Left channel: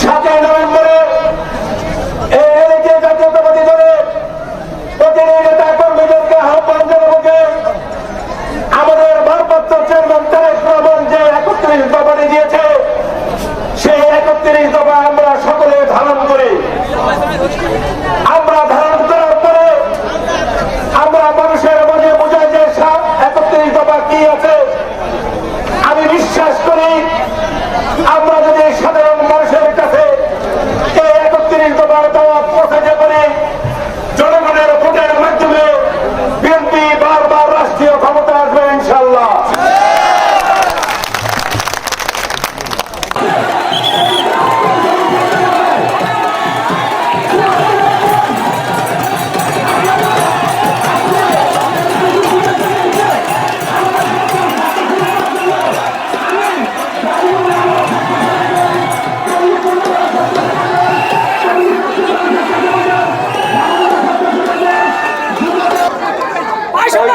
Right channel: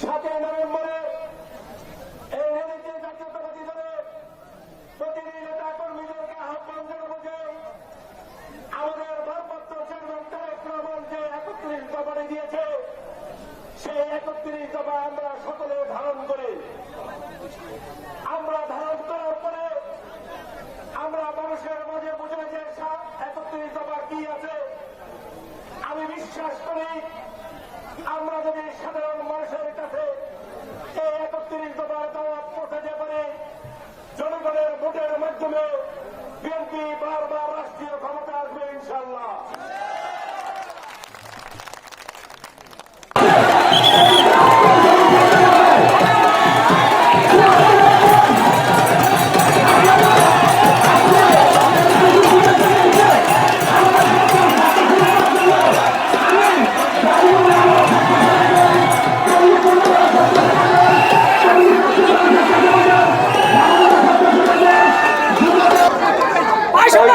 সাতই নভেম্বরে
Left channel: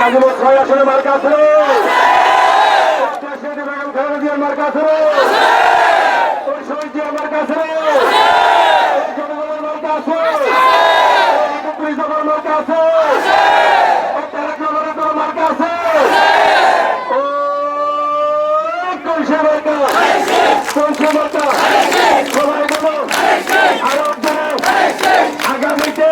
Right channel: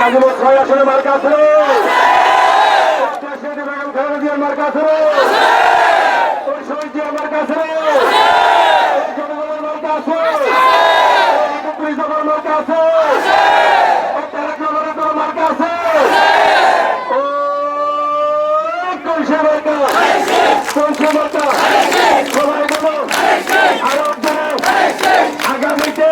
গাজীপুর ছয় আসনে মার্কা ছিল বেগম খালেদা জিয়ার মার্কা ছিল শহীদ জিয়ার মার্কা ছিল জনগণের মার্কা আছে। একত্রিশ দফার মার্কা আছে। তারেক রহমানের আগামীতে